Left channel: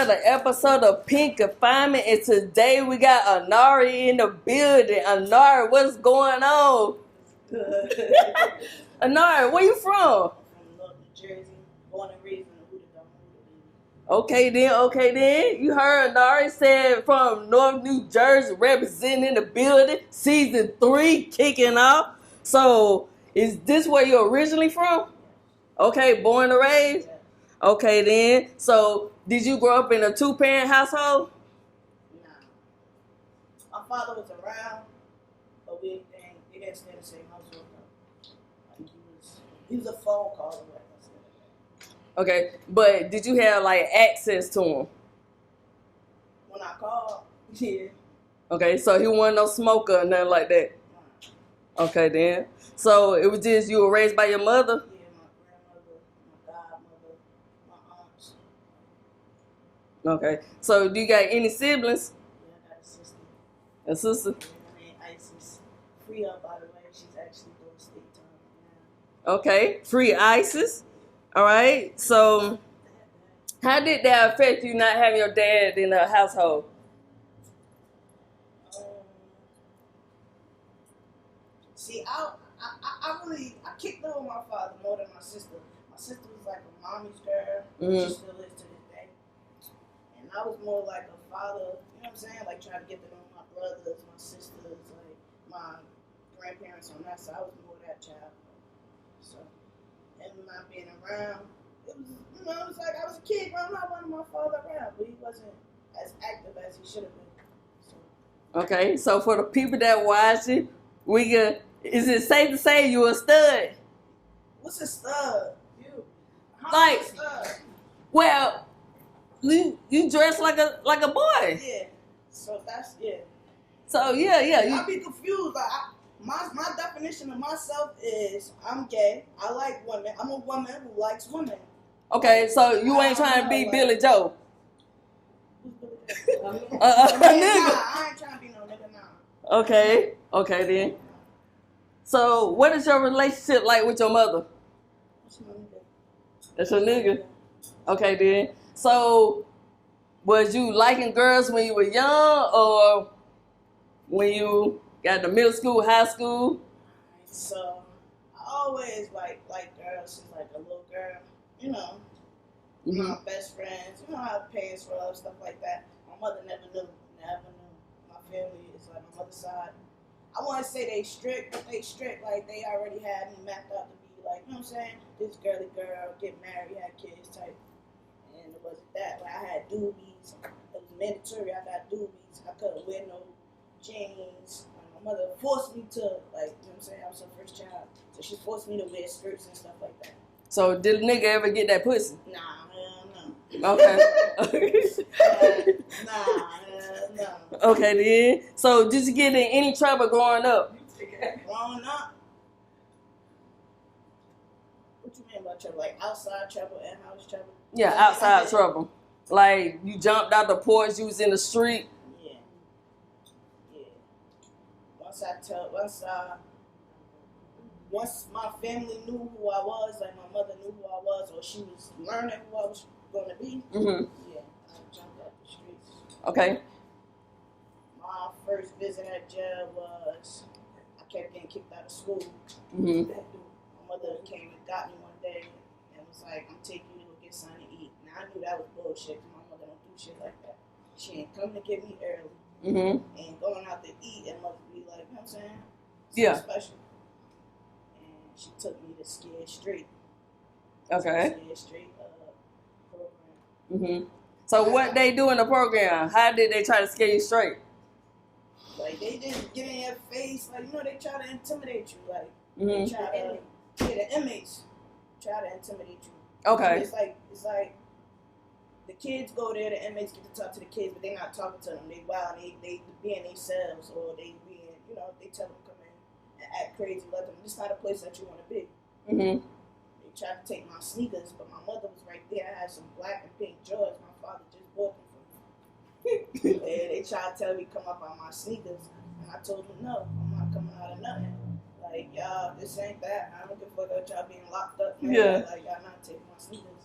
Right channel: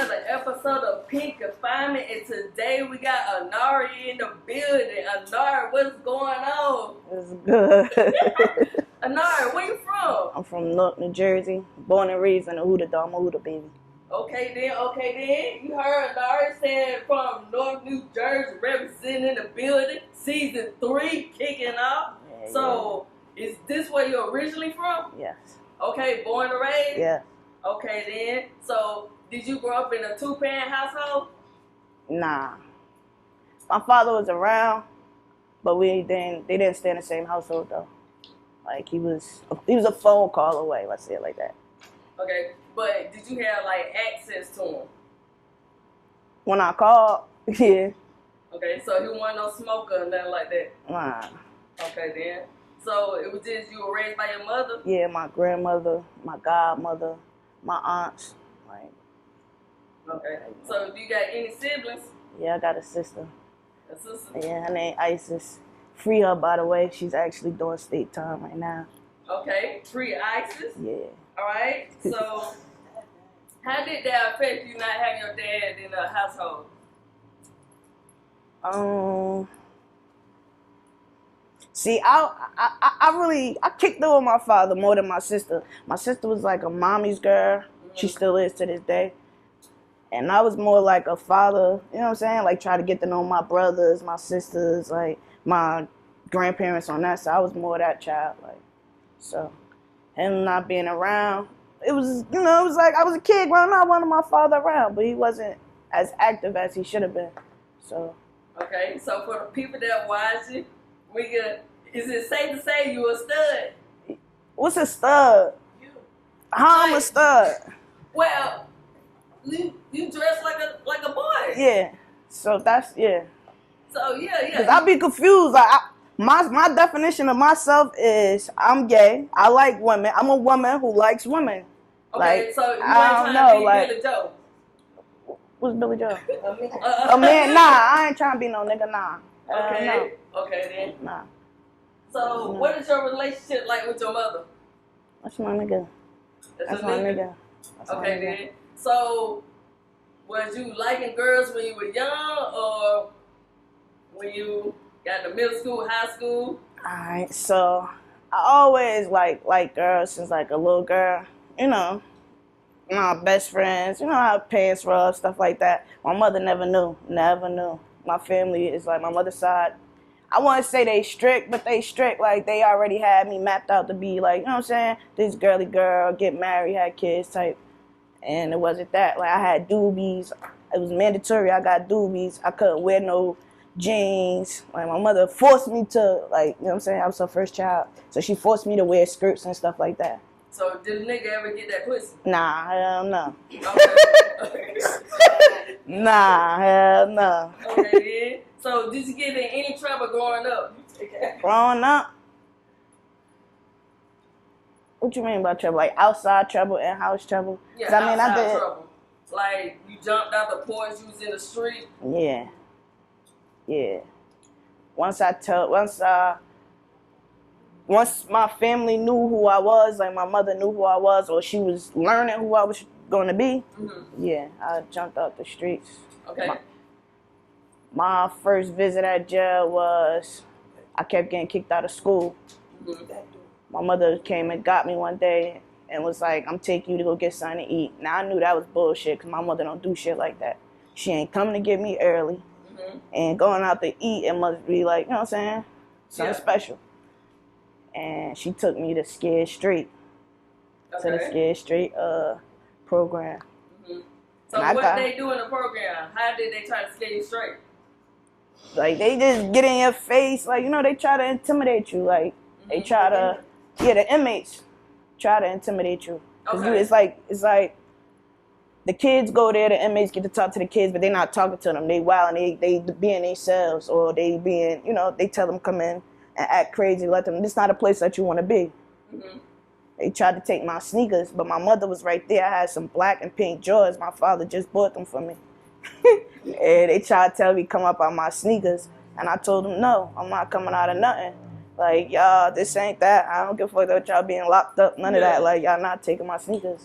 another episode of Pink Confinement, and today we got Anari in the building. Anari, what's going on? It's good. Anari, where you from? I'm from Newark, New Jersey. Born and raised in the Huda Dog. I'm a Huda baby. Okay then. You heard Anari said from North New Jersey, representing the building. Season 3 kicking off. Yeah, So, is this where you're originally from? Yes. Okay, born and raised? Yeah. Okay then. So, did you grow up in a 2-parent household? Nah. My father was around, but they didn't stay in the same household though. Like he was a phone call away, let's say it like that. Okay, but did you have like access to him? When I called, yeah. Okay, so he wasn't no smoker or nothing like that. Nah. Okay then. So it was just you were raised by your mother? Yeah, my grandmother, my godmother, my aunts. Okay. So do you got any siblings? Yeah, I got a sister. A sister? Yeah, her name Isis. Free her, by the way. She's actually doing state time right now. Okay. Free Isis? Yeah. All right. So how did that affect you not having your dad in the household? See, I kicked it with my father more than my sister. My sister was like a mommy's girl. She still is to this day. And I was more like a father, you know what I'm saying? Like try to get to know my brothers, my sisters, like my grandparents on that side. I was more that child, like. So him not being around, it was, it was like I was a kid growing up, I wanted my father around, but he wasn't as active as he should have been. So. Okay, so for the people that watching, is it safe to say you a stud? What's a stud? How I'm a stud? Well, you dress like a boy. Yeah. So that's, yeah. So yeah. I be confused. Like my definition of myself is I'm gay. I like women. I'm a woman who likes women. Okay, like, so you ain't trying to be like, Billy Joe. What's Billy Joe? A man? Nah, I ain't trying to be no nigga. Nah. Okay. Okay then. Nah. So what is your relationship like with your mother? That's my nigga. That's your nigga? Okay then. So was you liking girls when you were young or when you got to middle school, high school? Alright, so I always like girls since like a little girl, my best friends, how pants rub, stuff like that. My mother never knew. My family is like my mother's side. I want to say they strict, but they strict. Like they already had me mapped out to be like, you know what I'm saying? This girly girl, get married, had kids type. And it wasn't that. Like I had doobies. It was mandatory. I got doobies. I couldn't wear no jeans. Like my mother forced me to, like, you know what I'm saying? I was her first child. So she forced me to wear skirts and stuff like that. So did a nigga ever get that pussy? Nah, hell no. Okay. Nah, hell no. Okay then. So did you get in any trouble growing up? Growing up? What you mean by trouble? Like outside trouble and house trouble? Yeah, outside trouble. Like you jumped out the porch, you was in the street? Yeah. Once my family knew who I was, like my mother knew who I was, or she was learning who I was going to be, yeah, I jumped out the streets. Okay. My first visit at jail was, I kept getting kicked out of school. My mother came and got me one day and was like, I'm taking you to go get something to eat. Now I knew that was bullshit because my mother don't do shit like that. She ain't coming to get me early. And going out to eat, it must be like, you know what I'm saying? Something special. And she took me to Scared Straight. Okay. To the Scared Straight program. So what they do in the program? How did they try to scare you straight? Like they just get in your face, like, they try to intimidate you. Like they try to, the inmates try to intimidate you. Okay. It's like the kids go there, the inmates get to talk to the kids, but they're not talking to them. They wild and they be in themselves, or they being, they tell them come in and act crazy, let them, this not a place that you want to be. They tried to take my sneakers, but my mother was right there. I had some black and pink Jordans. My father just bought them for me. And they tried to tell me come up on my sneakers, and I told them no, I'm not coming out of nothing. Like, y'all, this ain't that. I don't give a fuck about y'all being locked up, none of that. Like, y'all not taking my sneakers.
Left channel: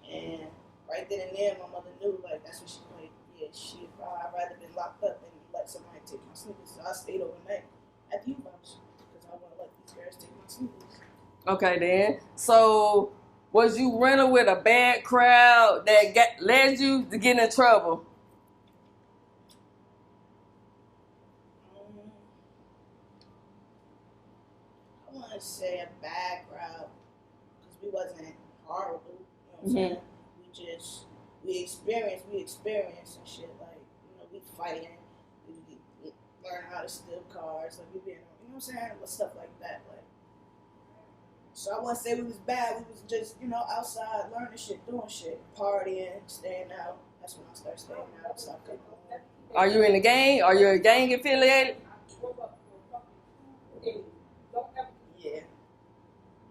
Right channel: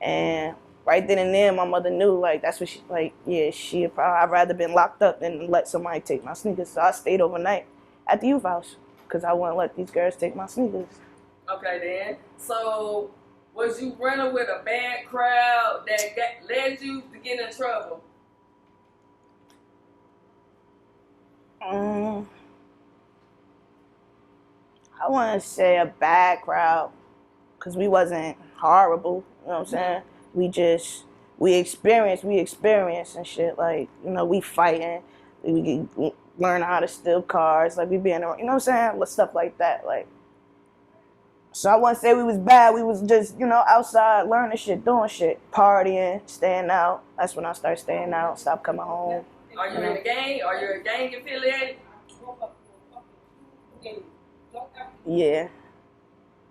And right then and there, my mother knew, like, that's what she, like, yeah, I'd rather been locked up than let somebody take my sneakers. So I stayed overnight at the youth house because I wouldn't let these girls take my sneakers. Okay, then. So, was you running with a bad crowd that led you to get in trouble? I wouldn't say a bad crowd because we wasn't horrible. You know what I'm saying? We experienced and shit. Like, you know, we fighting. We learn how to steal cars. Like, we being, you know what I'm saying? Stuff like that. Like, so I wouldn't say we was bad. We was just, you know, outside learning shit, doing shit, partying, staying out. That's when I started staying out, stopped coming home. Are you in a gang? Are you a gang affiliated? Yeah.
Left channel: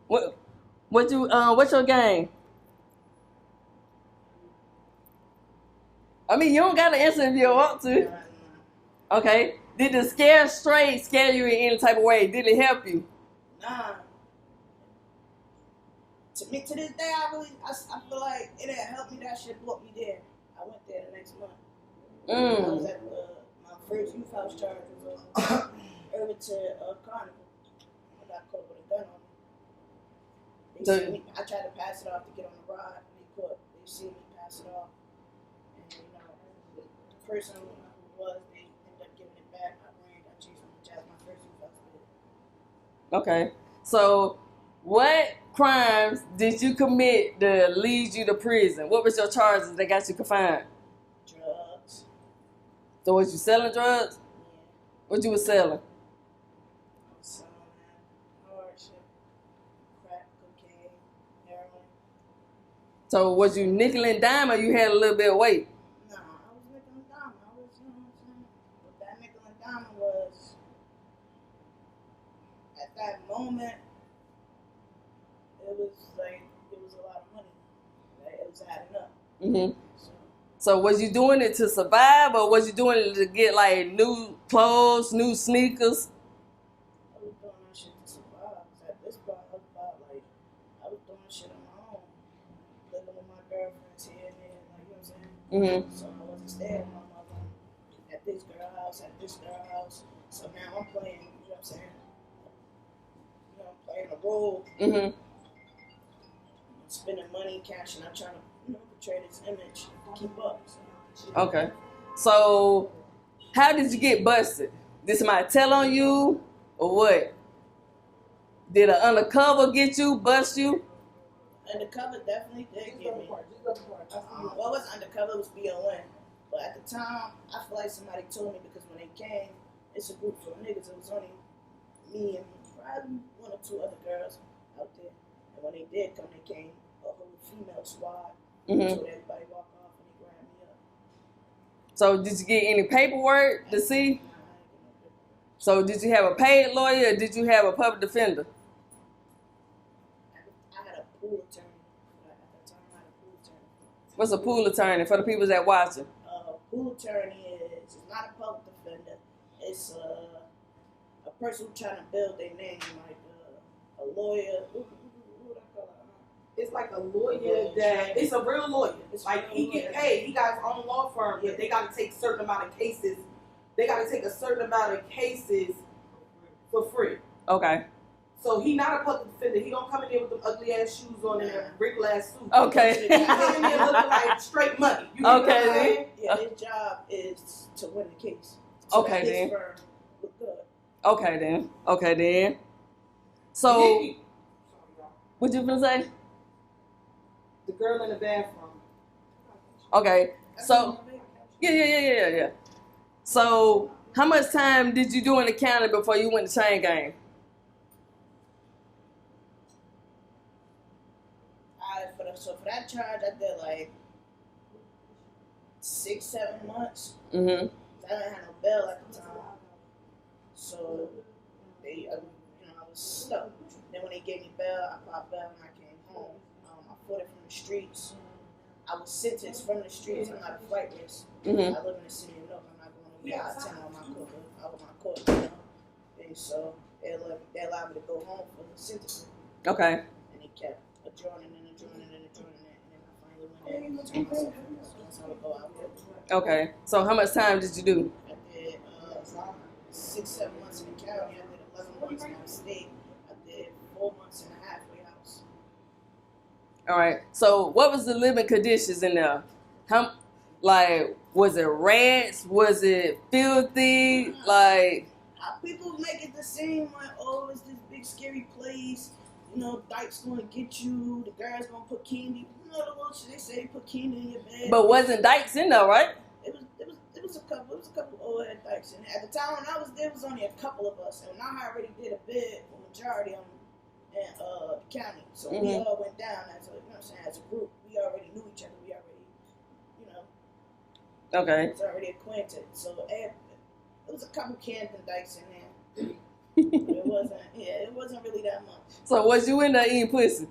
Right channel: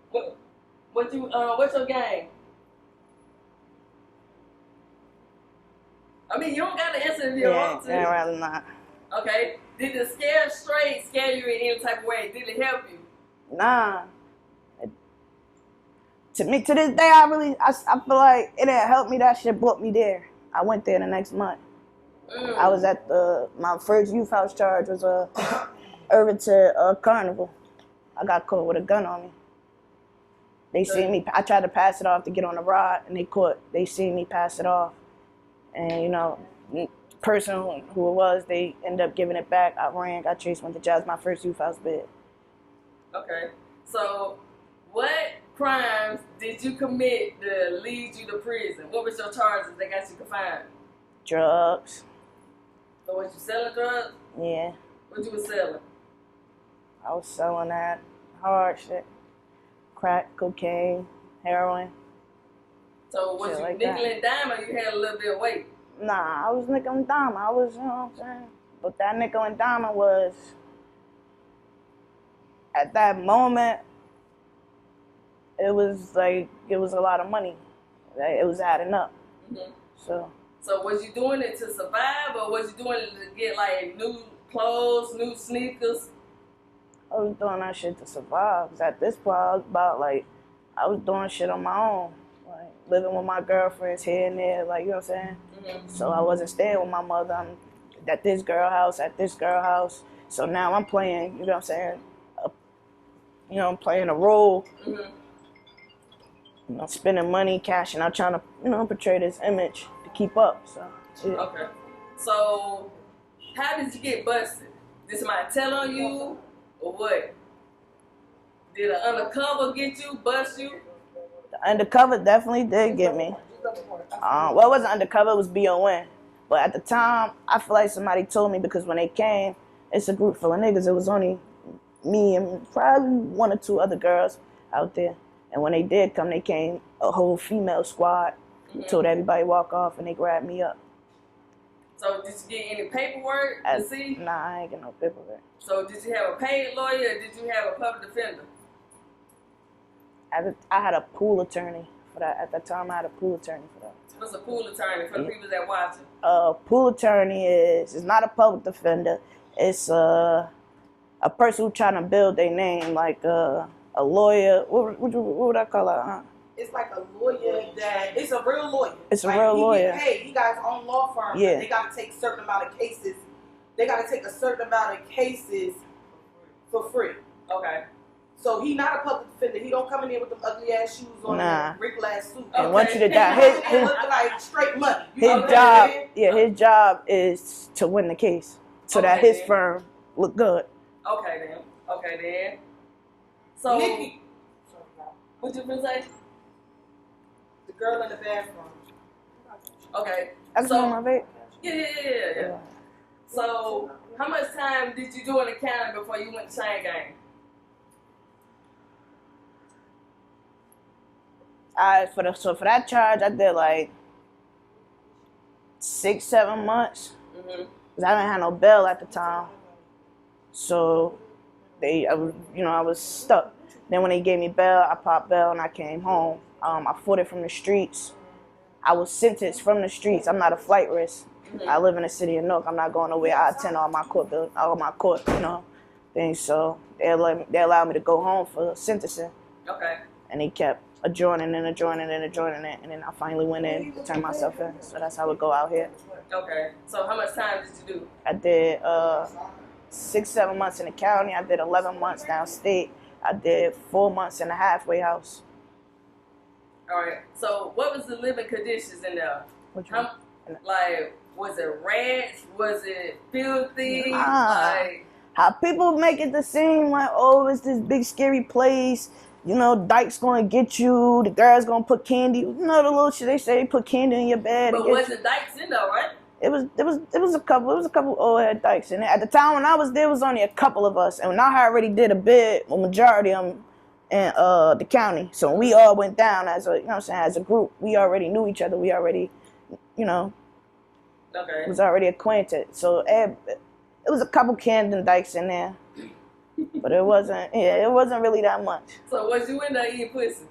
What's your gang? I mean, you don't gotta answer if you don't want to. I'd rather not. Okay. Did the scare you in any type of way? Did it help you? Nah. To me, to this day, I feel like it didn't help me. That shit brought me there. I went there the next month. I was at my first youth house charge was Irvington Carnival. I got caught with a gun on me. They seen me. I tried to pass it off to get on the rod, and they seen me pass it off. And, you know, the person who it was, they ended up giving it back. I ran, got chased, went to jail. It was my first youth house bid. Okay. So, what crimes did you commit that lead you to prison? What was your charges that got you confined? Drugs. So, was you selling drugs? Yeah. What you was selling? I was selling that hard shit. Crack, cocaine, heroin. So, was you nickel and dime or you had a little bit of weight? Nah, I was nickel and dime. I was, you know what I'm saying? But that nickel and dime was, at that moment, it was a lot of money. It was adding up. Mm-hmm. So was you doing it to survive or was you doing it to get like new clothes, new sneakers? I was doing that shit to survive. Cause at this point, I was doing shit on my own. Like, living with my girlfriends here and there, like, you know what I'm saying? Mm-hmm. So I wasn't staying with my mother. I'm at this girl house. So now I'm playing, you know what I'm saying? I'm playing a role. Mm-hmm. You know, spending money, cashing out, trying to, you know, portray this image to keep up. So, yeah. Okay. So, how did you get busted? Did somebody tell on you or what? Did an undercover get you, bust you? The undercover definitely did get me. Well, it wasn't undercover, it was BON. But at the time, I feel like somebody told me because when they came, it's a group full of niggas. It was only me and probably one or two other girls out there. And when they did come, they came a whole female squad, told everybody walk off, and they grabbed me up. So did you get any paperwork to see? Nah, I ain't get no paperwork. So did you have a paid lawyer or did you have a public defender? I had a pool attorney for that. At that time, I had a pool attorney for that. What's a pool attorney for the people that watching? Pool attorney is not a public defender. It's a person who's trying to build their name, like a lawyer. What would I call it? It's like a lawyer that it's a real lawyer. It's a real lawyer. Get paid. He got his own law firm. Yeah. They got to take a certain amount of cases. They got to take a certain amount of cases for free. Okay. So he not a public defender. He don't come in here with them ugly ass shoes on and wrinkled ass suit. Okay. Once you come in here looking like straight money. His job is to win the case so that his firm look good. Okay then. So, what you gonna say? The girl in the bathroom. Okay. So, my vape. Yeah. So, how much time did you do in the county before you went to chain gang? For that charge, I did like 6-7 months. Mm-hmm. 'Cause I didn't have no bail at the time, so I was stuck. Then when they gave me bail, I popped bail and I came home. I fought it from the streets. I was sentenced from the streets. I'm not a flight risk. Mm-hmm. I live in the city of Newark. I'm not going nowhere. I attend all my court, things. So they allowed me to go home for sentencing. Okay. And they kept adjoining and adjoining and adjoining it, and then I finally went in, turned myself in. So that's how it go out here. Okay. So how much time did you do? I did 6-7 months in the county. I did 11 months downstate. I did 4 months in the halfway house. All right. So what was the living conditions in there? Like, was it rats? Was it filthy? Like, how people make it to seem like, oh, it's this big scary place. You know, Dyke's gonna get you. The girl's gonna put candy. You know the little shit they say, put candy in your bed. But wasn't Dykes in there, right? It was a couple old head Dykes in there. At the time when I was there, it was only a couple of us, and I already did a bid, a majority of them in the county. So when we all went down as a, you know what I'm saying, as a group, we already knew each other. We already, you know, was already acquainted. So it was a couple Camden Dykes in there. But it wasn't really that much. So was you in there eating pussy?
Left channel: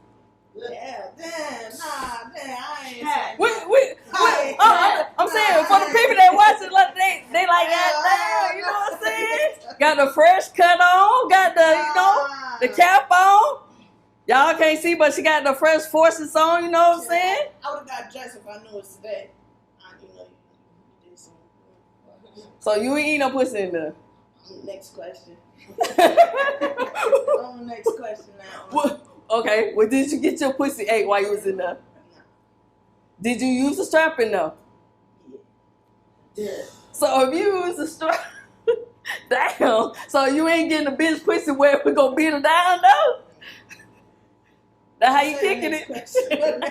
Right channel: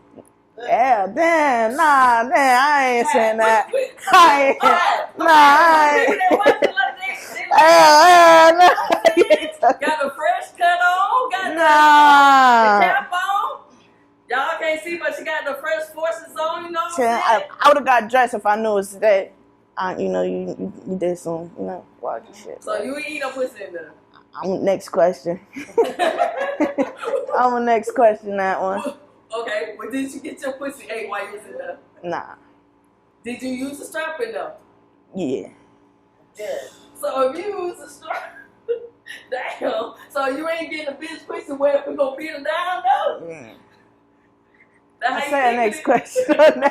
Yeah, damn, I ain't saying that. I'm saying for the people that watch it, like they like, got the fresh cut on, got the cap on. Y'all can't see, but she got the fresh forces on. You know what I'm saying? I would have got dressed if I knew it was today. You know, you did some, you know, wild shit. So you ain't eating no pussy in there. Next question. Next question, that one. Okay, well, did you get your pussy ate while you was in there? Nah. Did you use a strap in there? Yeah. So if you use a strap, damn. So you ain't getting a bitch pussy where we gonna beat her down though? Yeah. That's how you think next it? Question.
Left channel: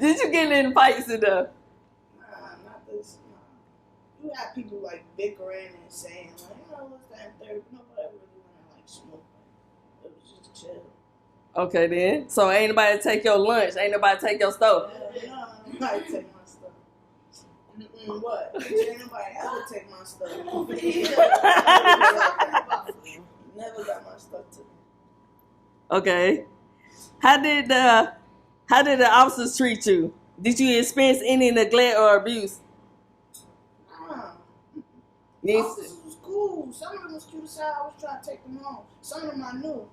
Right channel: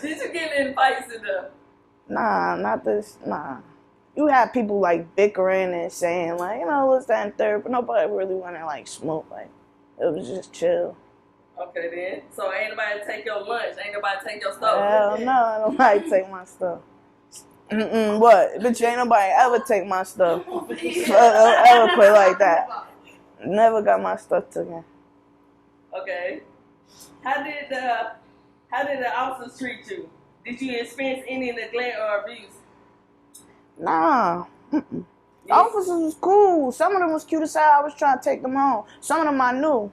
Did you get in fights in there? Nah, not this. Nah. You have people like bickering and saying like, you know, what's that and third, but nobody really want to like smoke. Like, it was just chill. Okay then. So ain't nobody take your lunch? Ain't nobody take your stuff? Hell no, nobody take my stuff. What? Bitch, ain't nobody ever take my stuff. Ever play like that. Never got my stuff taken. Okay. How did the officers treat you? Did you experience any neglect or abuse? Nah. The officers was cool. Some of them was cute as hell. I was trying to take them home. Some of them I knew.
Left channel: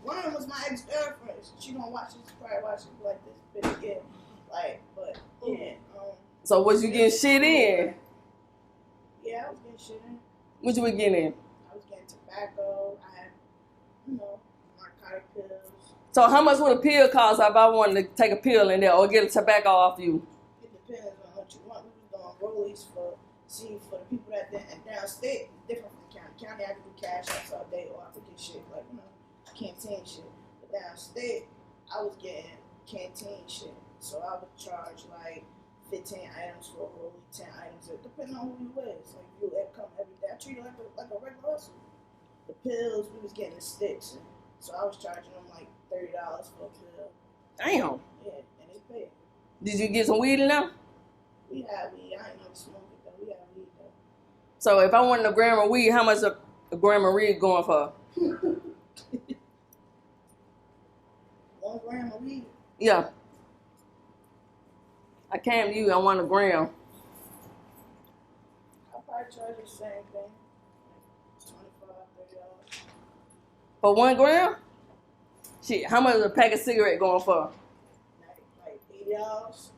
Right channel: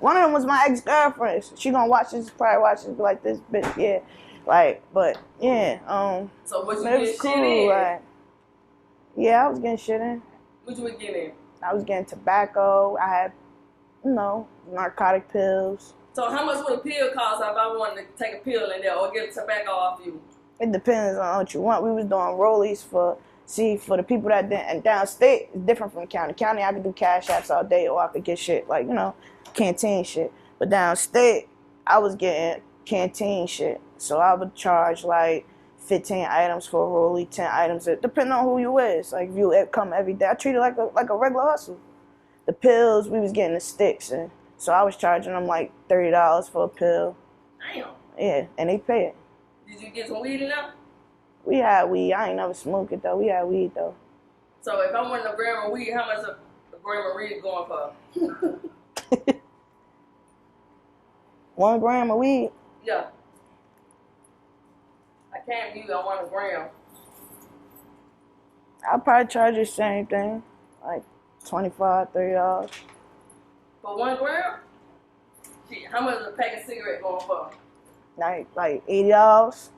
One of them was my ex-girlfriend. She gonna watch this, probably watch this, be like, this bitch, yeah. Like, but, yeah. So was you getting shit in? Like, yeah, I was getting shit in. What you were getting in? I was getting tobacco. I had, you know, narcotic pills. So how much would a pill cost if I wanted to take a pill in there or get a tobacco off you? It depends on what you want. We was doing rollies for the people that didn't, and downstate, it's different from county. County, I could do cash apps all day, or I could get shit like, you know, canteen shit. But downstate, I was getting canteen shit. So I would charge like 15 items for a rollie, 10 items, depending on who you is. Like if you come every day, I treat it like a regular hustle. The pills, we was getting the sticks, and so I was charging them like $30 for a pill. Damn. Yeah, and they pay it. Did you get some weed in there? We had weed. I ain't never smoked it though. We had weed though. So if I wanted a gram of weed, how much a gram of weed going for? 1 gram of weed? Yeah. I can't use. I want a gram. I'll probably charge you the same thing, like $25, $30. For 1 gram? Shit, how much is a pack of cigarette going for? Like $80.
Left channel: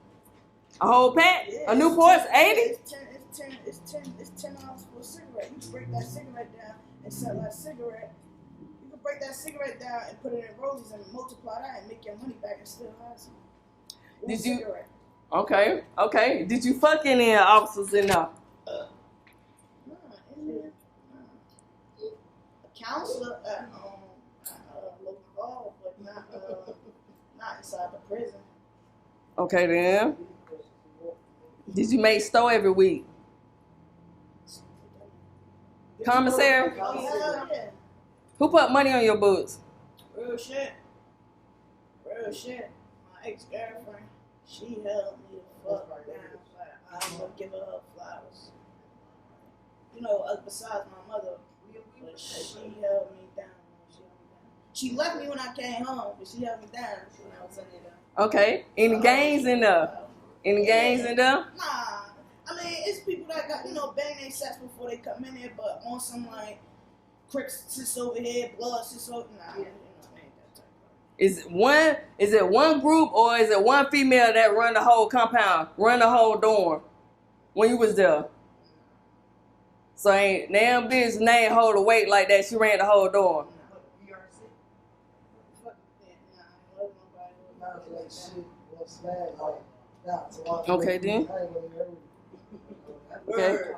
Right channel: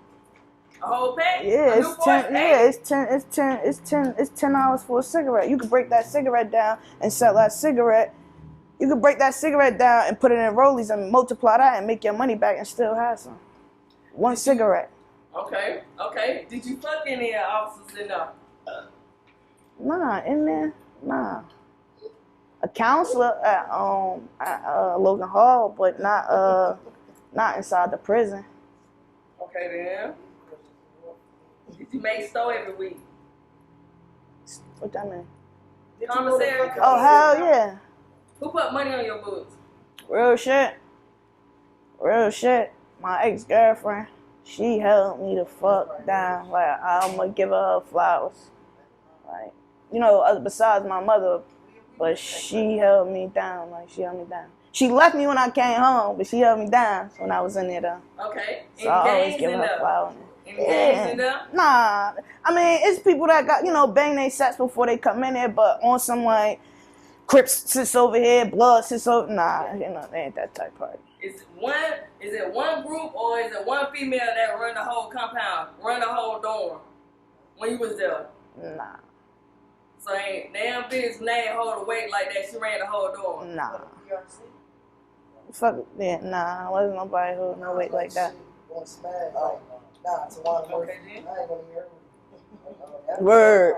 A whole pack? Yeah, a Newport? it's $10 for a cigarette. You could break that cigarette down and sell that cigarette. You could break that cigarette down and put it in rollies and multiply that and make your money back and still have some. One cigarette. Okay. Did you fuck any officers in there? Nah, in there, nah. A counselor at Logan Hall, but not inside the prison. Okay then. Did you make store every week? What that mean? Commissary? Oh, hell yeah. Who put money on your books? Real shit. My ex-girlfriend, she held me the fuck down. Like, I'm gonna give her flowers. Like, you know, besides my mother, but she held me down. Like, she held me down. She left me when I came home, but she held me down when I was in there, though. Okay. Any gangs in there? Any gangs in there? Nah. I mean, it's people that got, you know, bang their sets before they come in there, but on some, like, Crips sits over here, blood sits over. Nah, they ain't that type party. Is it one group or is it one female that run the whole compound, run the whole dorm when you was there? Nah. So ain't damn bitch name hold the weight like that. She ran the whole dorm. Nah. Fuck yeah, nah. Wasn't nobody holding no weight like that. Okay then. Word.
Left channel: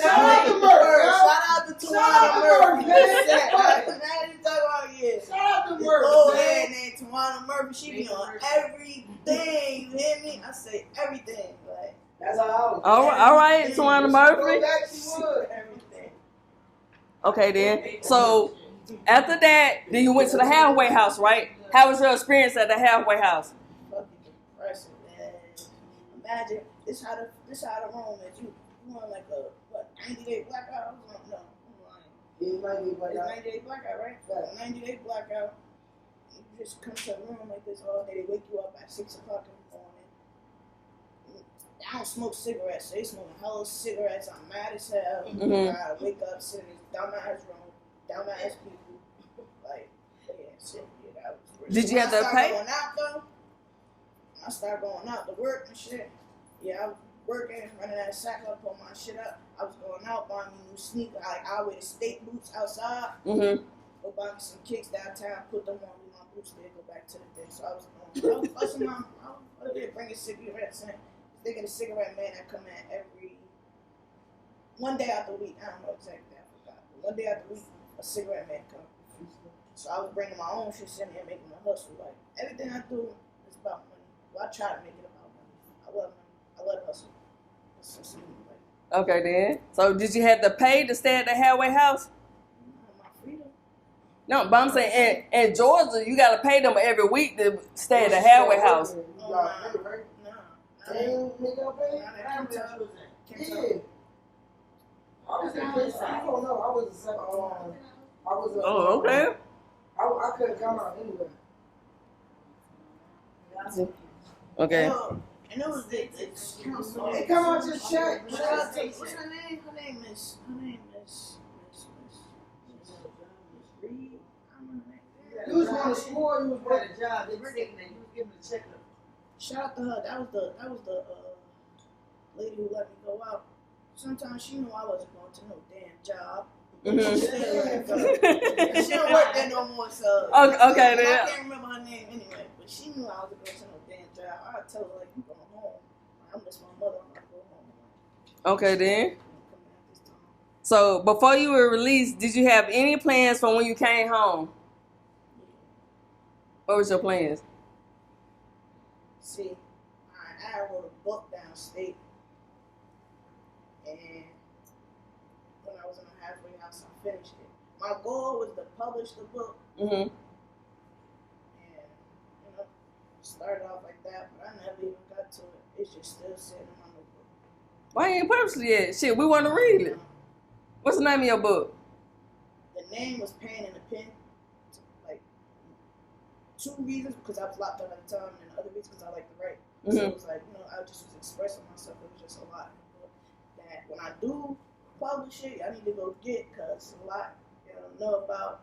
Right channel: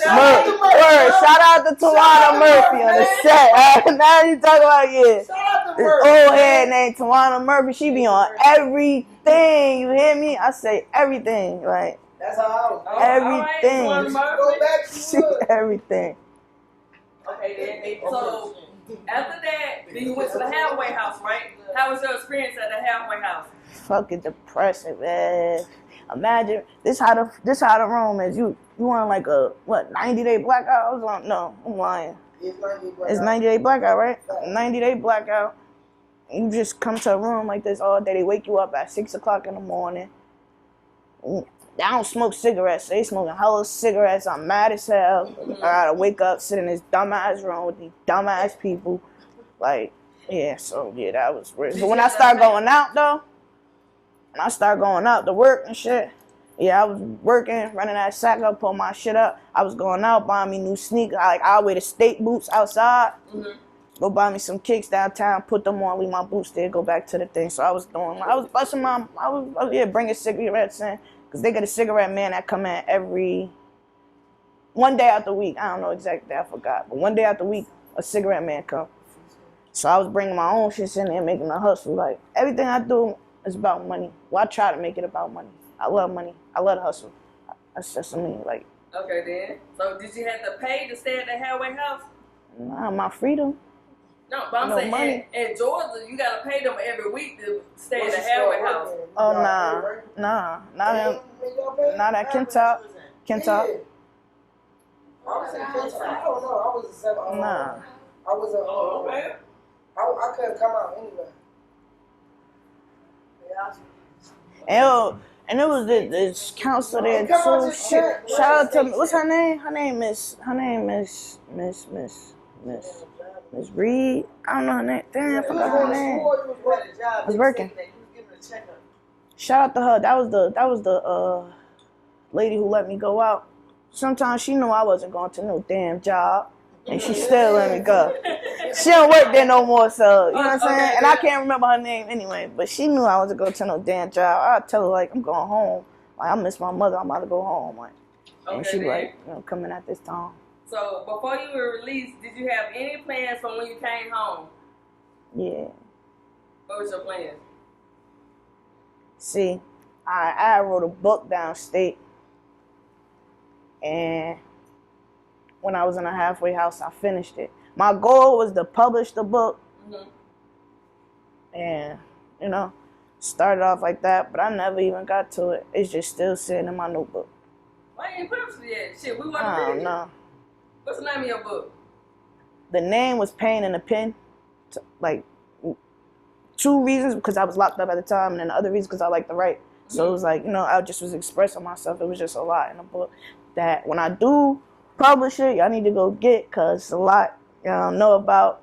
Shout out to Tawana Murphy on the set. Now you talk about this old head named Tawana Murphy. She be on everything. You hear me? I say everything. Like that's how all right, Tawana Murphy. Everything. Okay then. So after that, then you went to the halfway house, right? How was your experience at the halfway house? Fucking depressing, man. Imagine this how the room is. You on like a 90-day blackout? No, I'm lying. It's 90-day blackout, right? 90-day blackout. You just come to a room like this all day. They wake you up at 6 o'clock in the morning. They don't smoke cigarettes. They smoking hella cigarettes. I'm mad as hell. I gotta wake up, sit in this dumbass room with these dumbass people. Like, yeah, so yeah, that was weird. So when I start going out though, when I start going out to work and shit, yeah, I was working, running that sack up, pulling my shit up. I was going out, buying me new sneakers. I'll wear the skate boots outside. Go buy me some kicks downtown, put them on, leave my boots there, go back to the thing. So I was busting bringing cigarettes in. Because they got a cigarette man that come in every, one day out the week. I don't know exactly, I forgot. But one day out the week, a cigarette man come. So I was bringing my own shit in there, making a hustle. Like, everything I do is about money. Well, I try to make it about money. I love money. I love to hustle. That's just me, like. Okay, then. So did you have to pay to stay at the halfway house? Nah, my freedom. No, but I'm saying in Georgia, you got to pay them every week to stay at the halfway house. Oh, nah. Not at Kentuck. I was in Kentuck. I don't know. I was a 7. Nah. I was a. Oh, okay. I couldn't come out anyway. Okay. And it was this counselor there too. Shout out to, what's her name? Her name is Miss Reed. I don't know her name. Damn, I forgot her name. I was working. Shout out to her. That was the lady who let me go out. Sometimes she knew I wasn't going to no damn job. And she still let me go. She don't work there no more, so you know what I'm saying? And I can't remember her name anyway, but she knew I wasn't going to no damn job. I'd tell her, like, I'm going home. Like, I miss my mother. I'm about to go home. Like, okay, then. Like, coming at this time. So, before you were released, did you have any plans for when you came home? Yeah. What was your plans? See, I wrote a book downstate, and when I was in a halfway house, I finished it. My goal was to publish the book, and, started off like that, but I never even got to it. It's just still sitting in my notebook. Why you ain't published it yet? Shit, we want to read it. No. What's the name of your book? The name was Pain in a Pen. Like, 2 reasons, because I was locked up at the time, and then the other reason because I like to write. So it was like, I just was expressing myself. It was just a lot in the book that when I do publish it, y'all need to go get, because it's a lot y'all know about,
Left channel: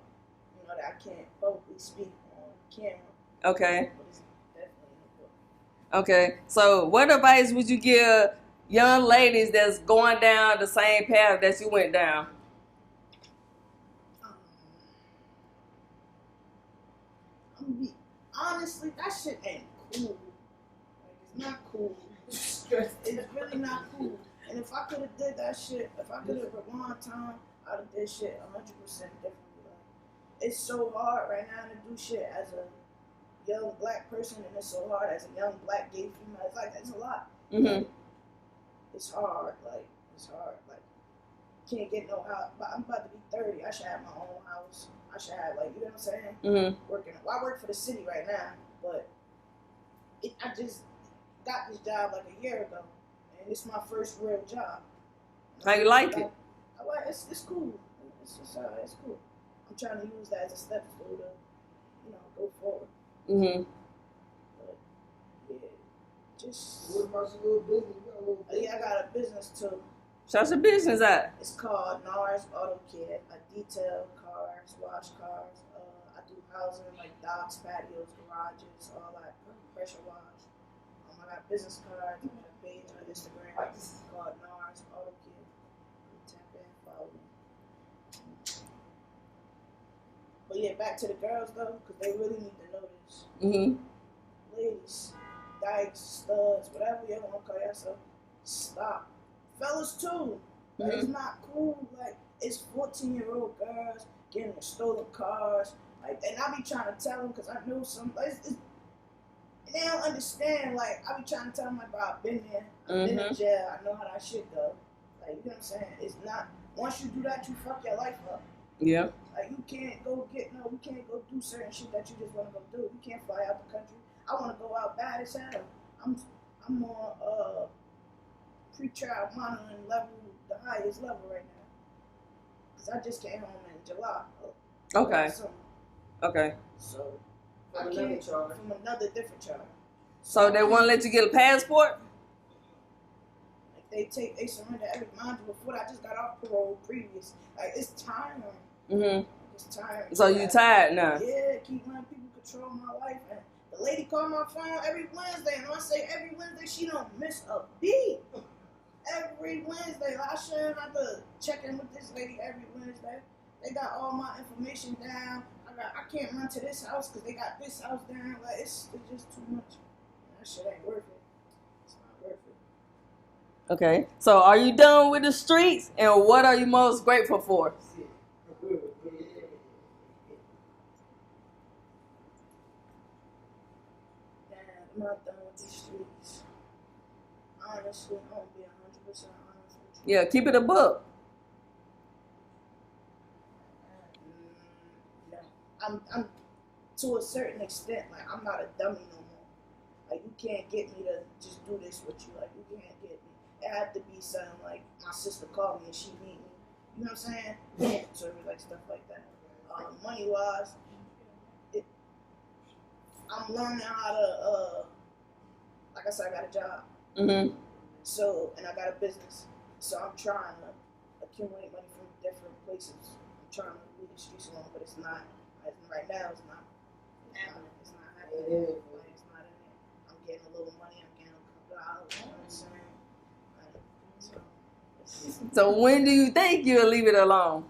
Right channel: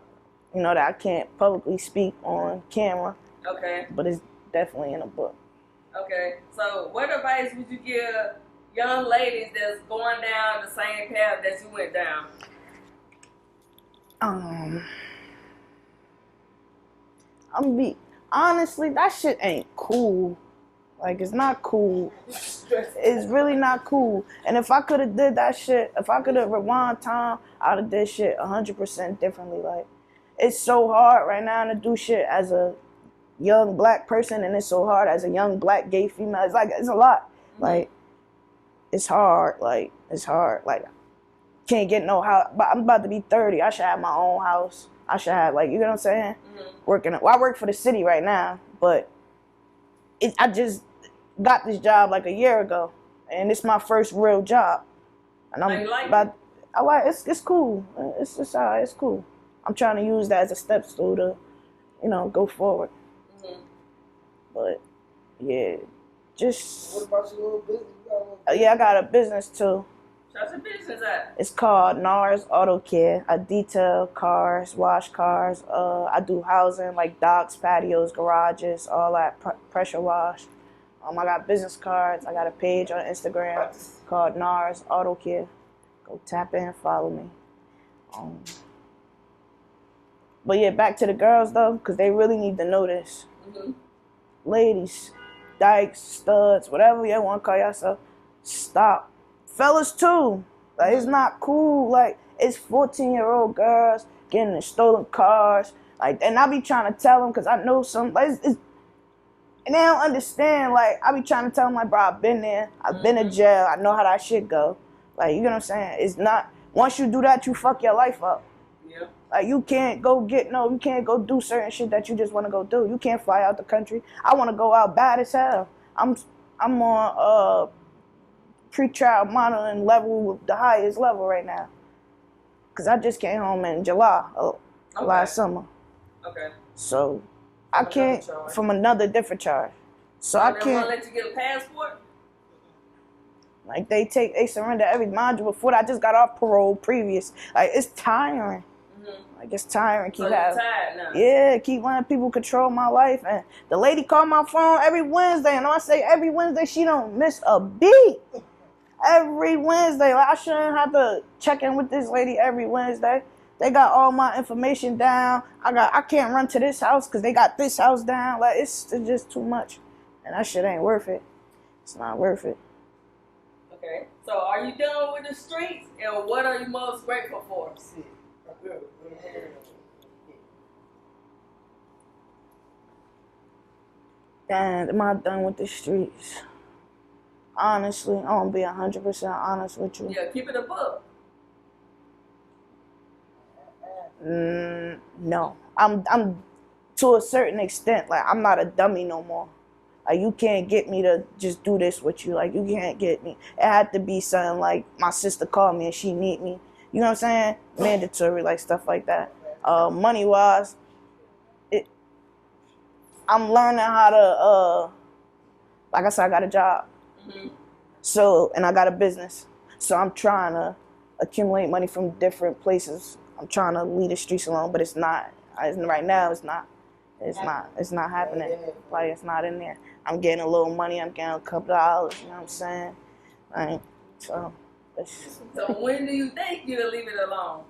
that I can't publicly speak on camera. Okay. But it's definitely in a book. Okay. So what advice would you give young ladies that's going down the same path that you went down? Honestly, that shit ain't cool. Like, it's not cool. It's really not cool. And if I could have did that shit, if I could have rewind time, I'd have did shit 100% differently. Like, it's so hard right now to do shit as a young black person, and it's so hard as a young black gay female. It's like, it's a lot. Like, it's hard. Like, it's hard. Like, can't get no house. But I'm about to be 30. I should have my own house. I should have, like, you know what I'm saying? I work for the city right now, but I just got this job like a year ago, and it's my first real job. And I like it. I like it's cool. It's cool. I'm trying to use that as a step stool to, go forward. But yeah, just. What about your little business? Yeah, I got a business too. Shout your business out. It's called NARS Auto Care. I detail cars, wash cars. I do housing like docks, patios, garages, all that pressure wash. I got business cards. I got a page on Instagram called NARS Auto Care. Go tap in, follow me. But yeah, back to the girls though, because they really need to know this. Mm-hmm. Ladies, dykes, studs, whatever you want to call yourself, stop. Fellas too. Like, it's not cool. Like, it's 14-year-old girls getting in stolen cars. Like, and I be trying to tell them, because I know some, like, and they don't understand. Like, I be trying to tell them, like, bro, I've been there. I've been in jail. I know how that shit go. Like, you know what I'm saying? It's not, once you do that, you fuck your life up. Yeah. Like, you can't go you can't go do certain shit that you just want to go do. You can't fly out the country. I want to go out bad as hell. I'm on, pre-trial monitoring level, the highest level right now. Because I just came home in July, last summer. Okay. So, I can't, from another different charge. So they want to let you get a passport? Like, they surrender every module before that. I just got off parole previous. Like, it's tiring. Mm-hmm. Like, it's tiring. So you're tired now? Yeah, keep letting people control my life. And the lady called my phone every Wednesday. And when I say every Wednesday, she don't miss a beat. Every Wednesday. Like, I shouldn't have to check in with this lady every Wednesday. They got all my information down. I can't run to this house because they got this house down. Like, it's just too much. And that shit ain't worth it. It's not worth it. Okay. So are you done with the streets? And what are you most grateful for? And am I done with the streets? Honestly, I'm gonna be 100% honest with you. Yeah, keep it a book. No, I'm to a certain extent. Like, I'm not a dummy no more. Like, you can't get me to just do this with you. Like, you can't get me. It had to be something like my sister called me and she need me. You know what I'm saying? Mandatory, like, stuff like that. Money wise, I'm learning how to. Like I said, I got a job. Mm-hmm. So, and I got a business. So I'm trying to accumulate money from different places. I'm trying to leave the streets alone, but it's not. Right now, it's not. It's not happening. Like, it's not in there. I'm getting a little money. I'm getting a couple dollars. You know what I'm saying? Like, so when do you think you'll leave it alone?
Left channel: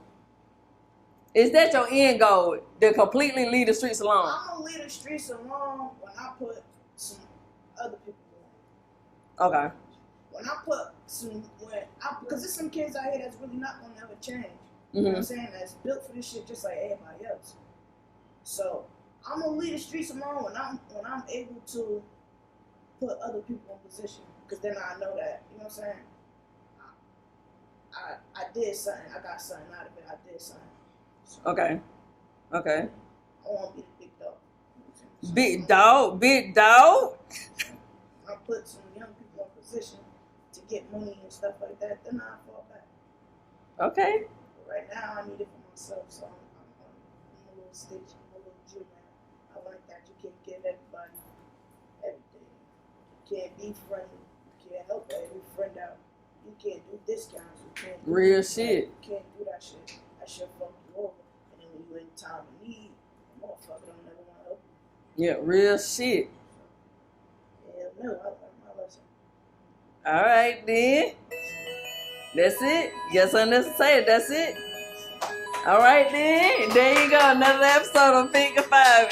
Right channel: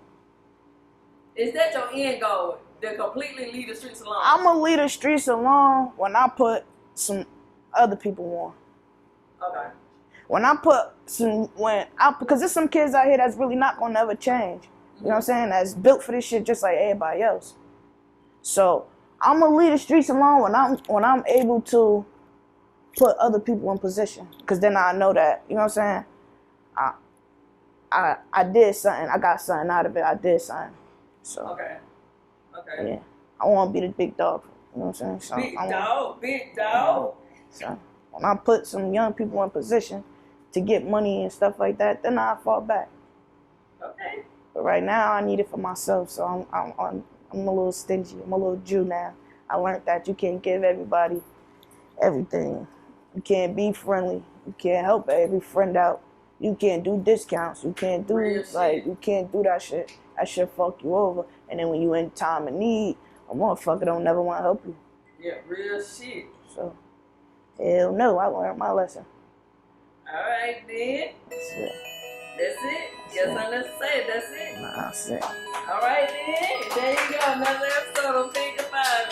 Is that your end goal, to completely leave the streets alone? I'm going to leave the streets alone when I put some other people on. Okay. When I put because there's some kids out here that's really not going to ever change. You know what I'm saying? That's built for this shit just like everybody else. So I'm going to leave the streets alone when I'm able to put other people in position. Because then I know that, you know what I'm saying? I did something. I got something out of it. I did something. So, okay. Yeah. I want to be the big dog. You know what I'm saying? So Big dog? So when I put some young people in position to get money and stuff like that, then I fall back. Okay. But right now, I need it for myself. So I'm a little stingy. I'm a little Jew now. I learned that you can't give everybody everything. You can't be friendly. You can't help every friend out. You can't do discounts. You can't do real shit. You can't do that shit. That shit fuck you over. And then when you in time of need, a motherfucker don't never want to help you. Yeah, real shit. So, hell no, I learned my lesson. All right, then. That's it? You got something else to say? That's it? Nah, that's it. All right, then. There you go. Another episode of Think of Five.